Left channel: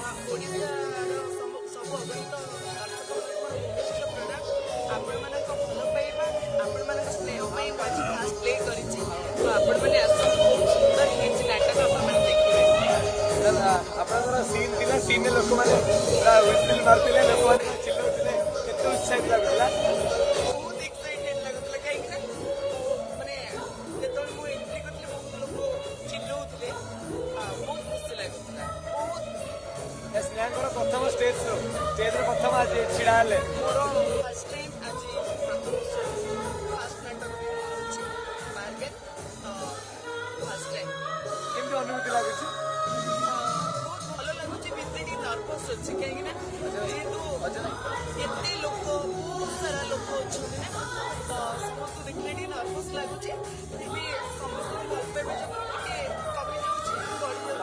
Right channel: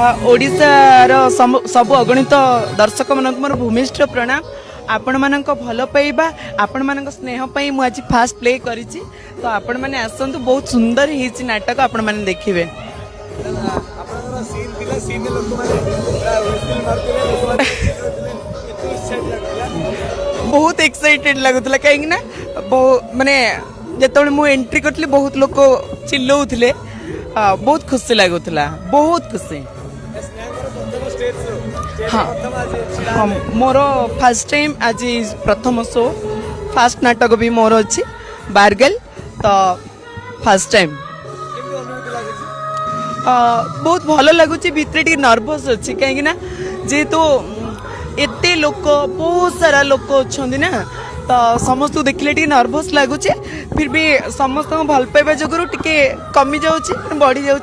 ओडिशार सबु अगणित दर्शक मानक मोर भूमिष्ठ प्रणाम। आपण मानक भल पाइबा आपण मानक स्नेह पई मु आज फास्ट प्ले करिछि। तो आपण माने आसंतु बहुत सुंदर हिची नाटक आपण माने देखिबे। बहुत एक्साइटेड लगुतला कहीं ना माने जेतबे मु एंट्री करतली बहुत लोग चिल्लौथिले। बहुत खुशी लगुतला बहुत खुशी। हाँ हाँ मोर फास्ट टाइम आज प्रथम शो फास्ट नाटक भी मोर अच्छी बारगेल तो फास्ट टाइम बहुत भल लगुच भितर टी नर्भस अच्छी कहीं जेहेतु एते लोक बहुत सारा लोक अच्छा ना तो समस्त देखले टी नर्भस लगुच फिर भी समस्त भल पाइबा जगह टी कमी जाऊँ बढ़ी जाऊँ।